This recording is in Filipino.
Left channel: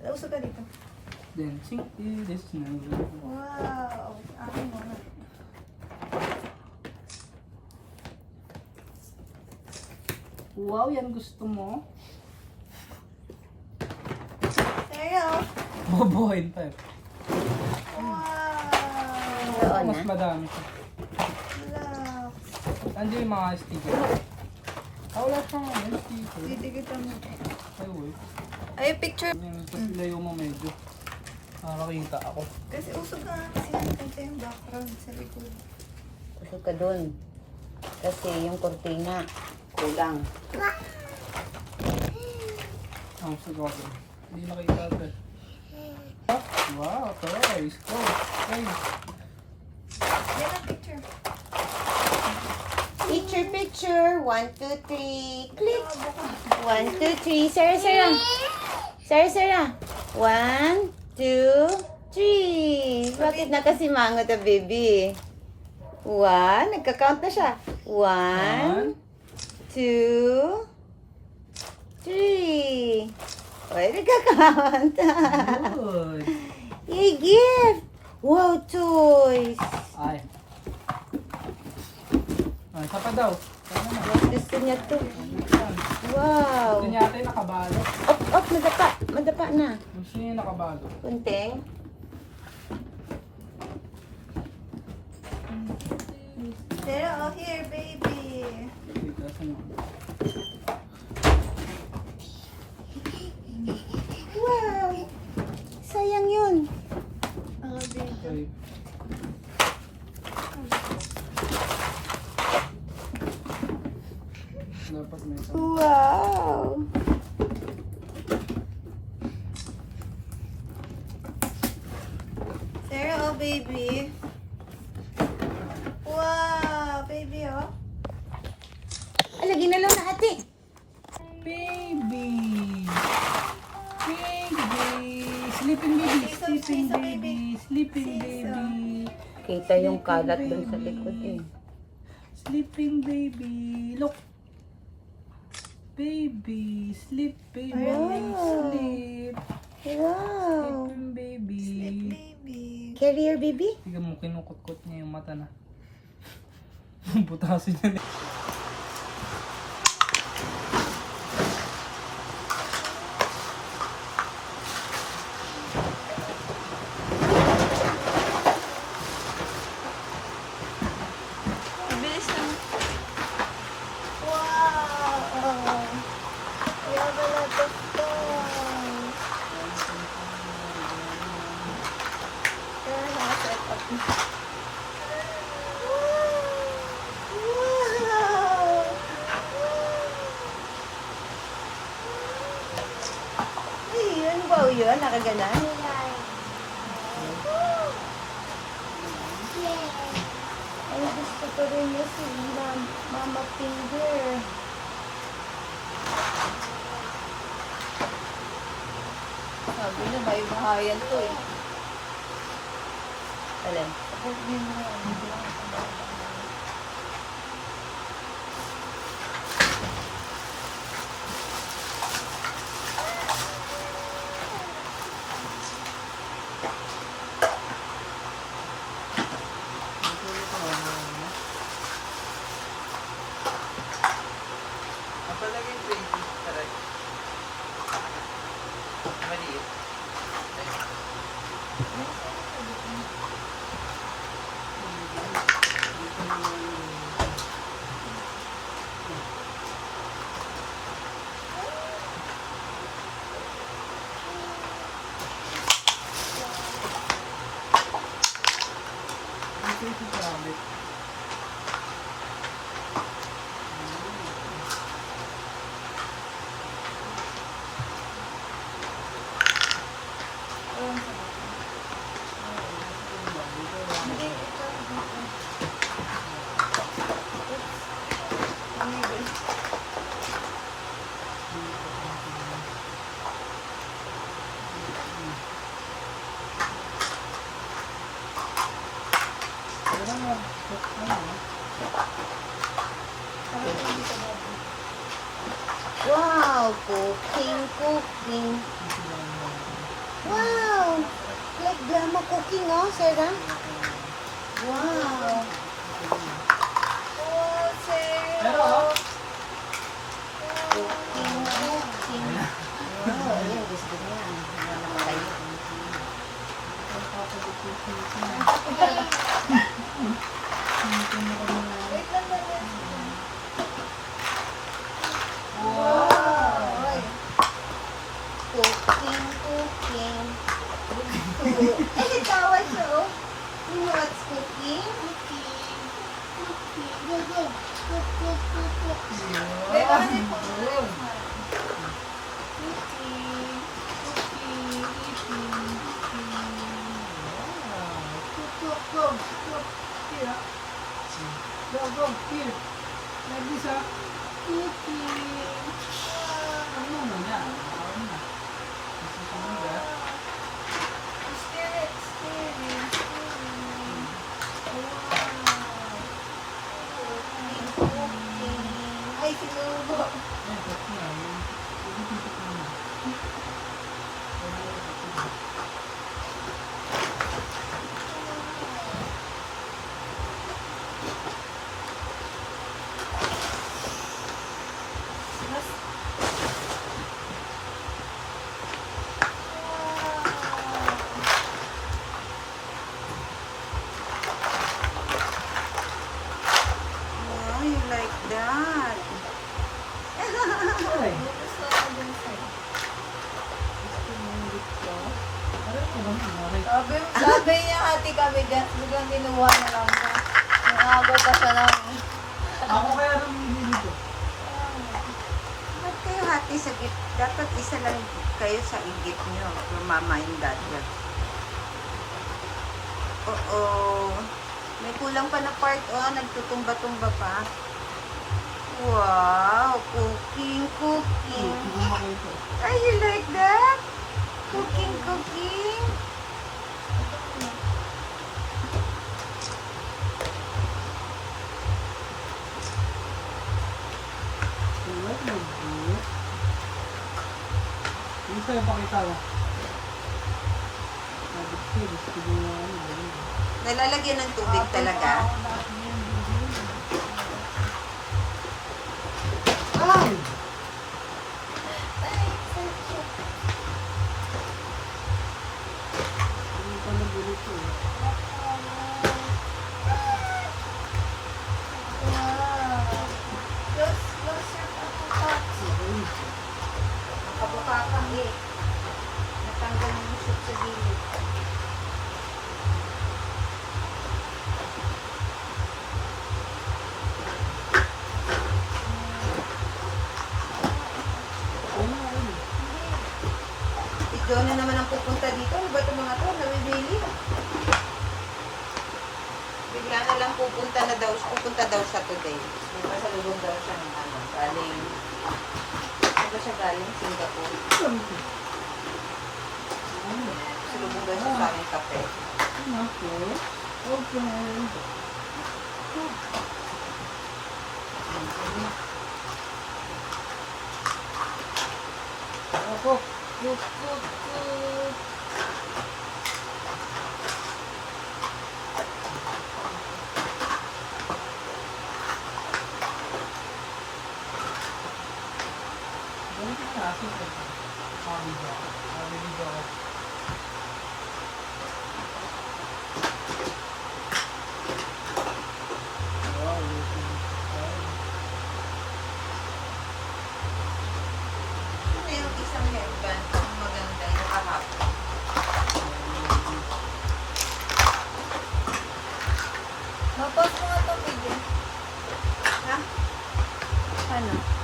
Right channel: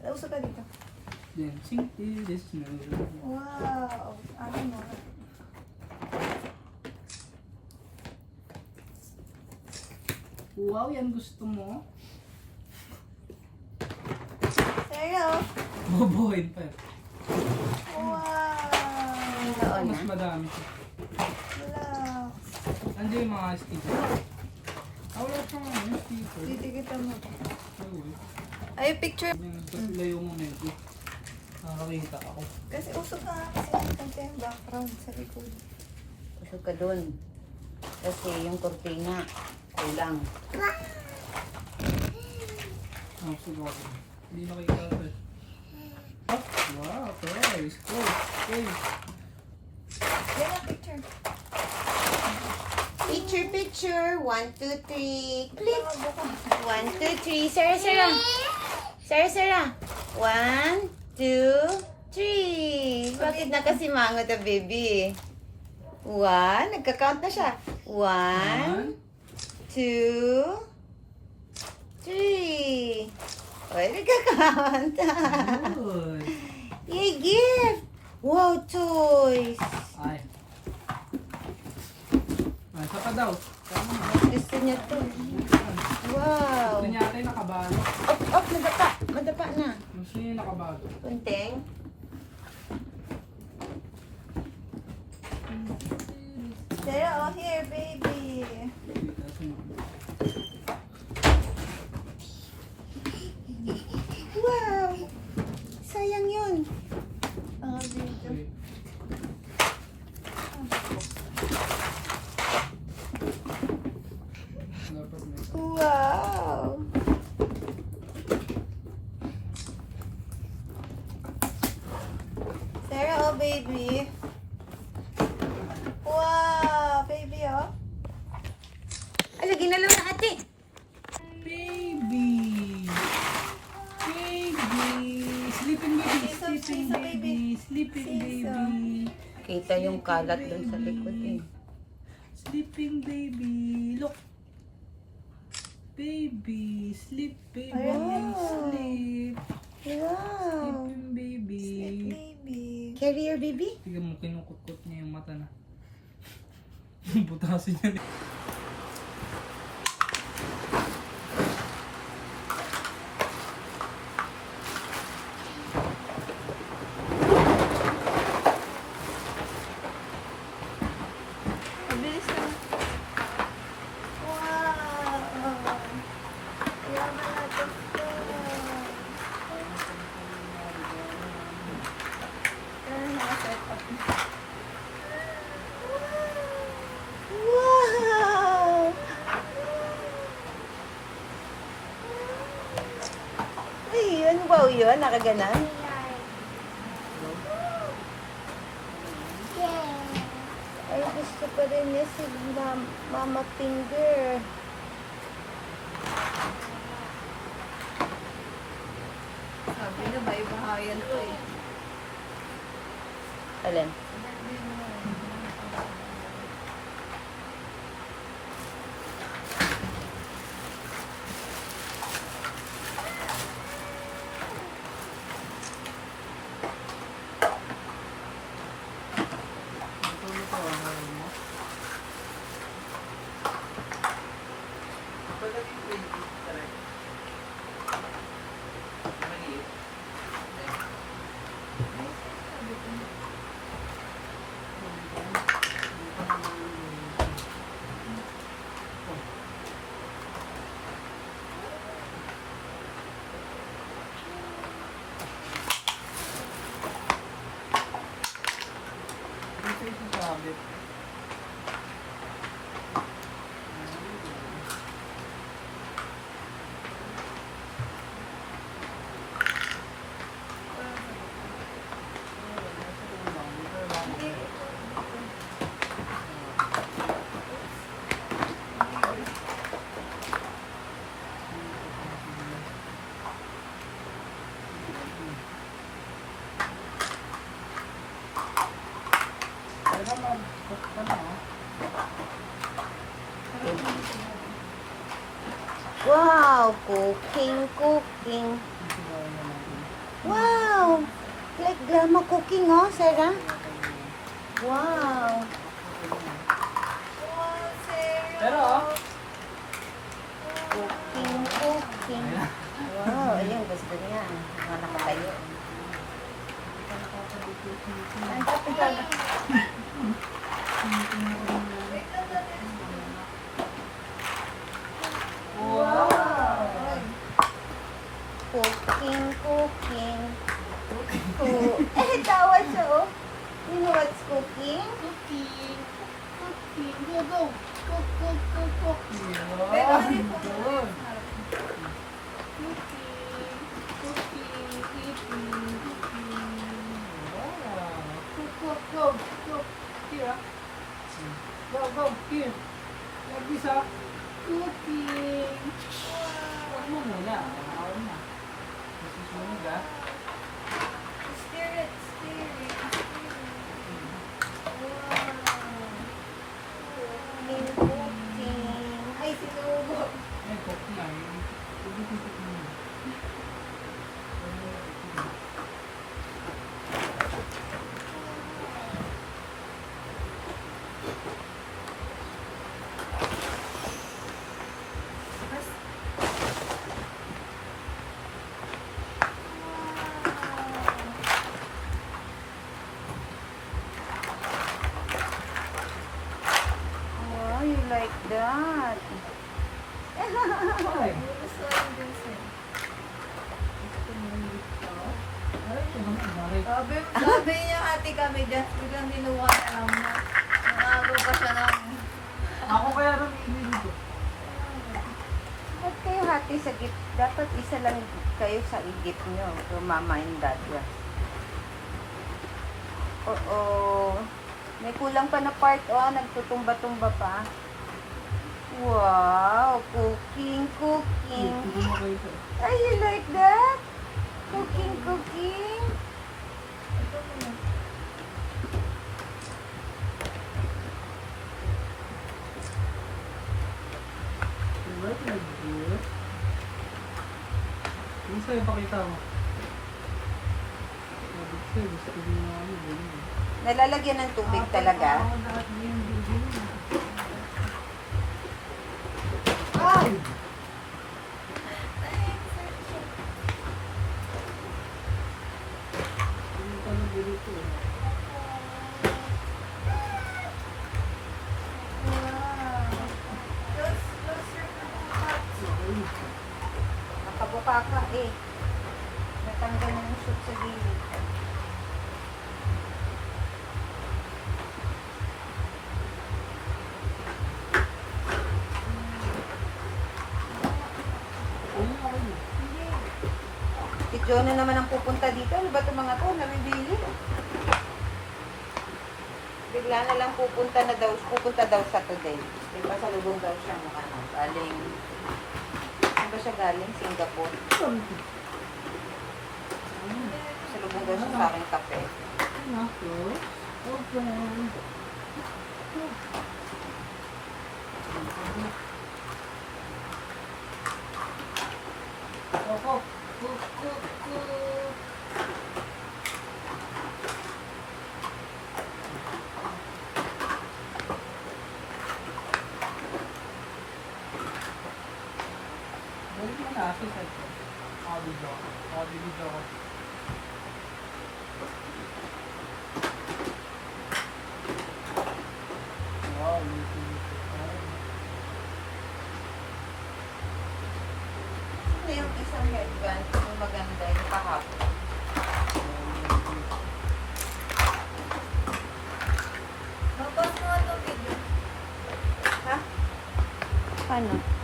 Usog ka dito. Then, simply this never. Wow! Akin mo na. Wow, yan gusto mo? Seryo? Bobohin pa eh. Wow! Mas madami siya. Relax. Andiyan yung mga sticker. Wala siyang ano, sticker. Titigita mo. Ay, uy. Ay, picture. Yan, kasi layo mo medyo. Nakakita ako. Kasi usog na kaya yung background sa likod. Usog ka dun. Kasi yung kortina, kulang. Ah, sige ako. Hindi nakikita ito. Wow, toys. Toys. Yan ang picture. Picture, picture. 1, 2, 3. Click. Buka. 1, 2, 3. Sarah, Sarah. Sarah, Sarah. 1, 2, 3. Bakit nakasimangot na baby? 1. Nagka-count na siya. 1, 2, 3. Why nagka-count? Good. Hey, gift. Wow, toys. Ay. Ay, isa pa daw. Kaya naman. Gusto niya to. Wow. Gusto niya ata yung nakabago. Oh, madapa. Madapa na. Gusto niya yung nakabago. Kunting. Seryo, oh here, baby. Dito, sunod. Wow. Sayang yun. Ang dito. Ay. Dapat na ito. Wow. Seryo, oh baby. Wow, baby, oh. Lagi na lang na ate. Baby! Baby! Sleeping baby! Siso, siso, baby. Sleeping Siso. baby! Kita yung kalat dun sa likod eh. Sleeping baby! Look! Baby! Sleep baby! Ayan. Sleep! Wow. Sleeping baby! Sleep, baby. Carrier baby? Tignan mo, kinukot-kot niya yung mata na. Butasin na niya. Mabilis na. Wow! I have a lot of toys. Pero nasa top na. Wow! Ay, ano ba yun? Nakaganan? Ay, gusto ko rin niya si Mama Finger. Sabi na, bahay-bahayan to eh. Alin? Wow, cooking, cooking. Wow! Like drama cooking, oh, Sarah. Wow! Wow, serious. Pero, oh. Cooking, cooking. Wow, ayun, gusto niya. Wala na tayo. Wait lang natin. Wow! Cooking, cooking. Tawa siya, oh. You know what's cooking? Cookie. Cookie. Go, go. Cook, cook, cook, cook. Yun. Wait, ano yung phone? Yun. Cookie. Cookie. Cookie. Wow. Cook, cook, cook. Cook. Here, ah. Go, go, here. Like this, ah. Cookie. Huwag mo muna. Ako na. Masusunod, ah. Stir it, stir it, stir it. Wow. Ay, sinubo. Eh, cook na. Huwag mo cook muna. Wow, you like that. Ay, Gusto ko din sa'yo. gusto mo yung dito. Aray ko naman, aray. Sabi niya hati kami dyan. Biglang ginawa na lang niya. Nangago pa siya lang. Ako kaya namili dito. Ba't kayo hati sa gift? Dapat isa lang kayo sa i-gift nyo. From mama and dad. Yeah. Oo. May kulang pa na part. Oh, nagtutumba-tumba pa. Wow. Cooking, cooking. Hindi mo kayo ito. Ay, you like that? Cooking, cooking. Diba? Nag-good. Yung sa'yo pakita mo. Sabi ko, gusto ko na ano. Ganun. Nalalagyan ng tubig talaga. Ay! Hindi pa nabulito eh. Okay. Nakabuka ka eh. Natanggal na yung soup sa gilid. Ayun, okay na. Si Johnny naman ang pupunta dito. Ano ba itong mga to? Nabibili. Bigla na lang pupunta daw siya today. Di ba sa lubog daw siya ng ano, galing. Di ba siya galing? Singapore. Saan ito? Ano? Sa lubog daw siya sa aking kape. Ano ako? Open. Ako. Cook, cook, cook. Ganun ka na. Sige ito. Ako video ako. Ako video ako. Wow, looking. Ano yung isang headband kung maganda yung kahapon? Napos mo nga itong video. Ano?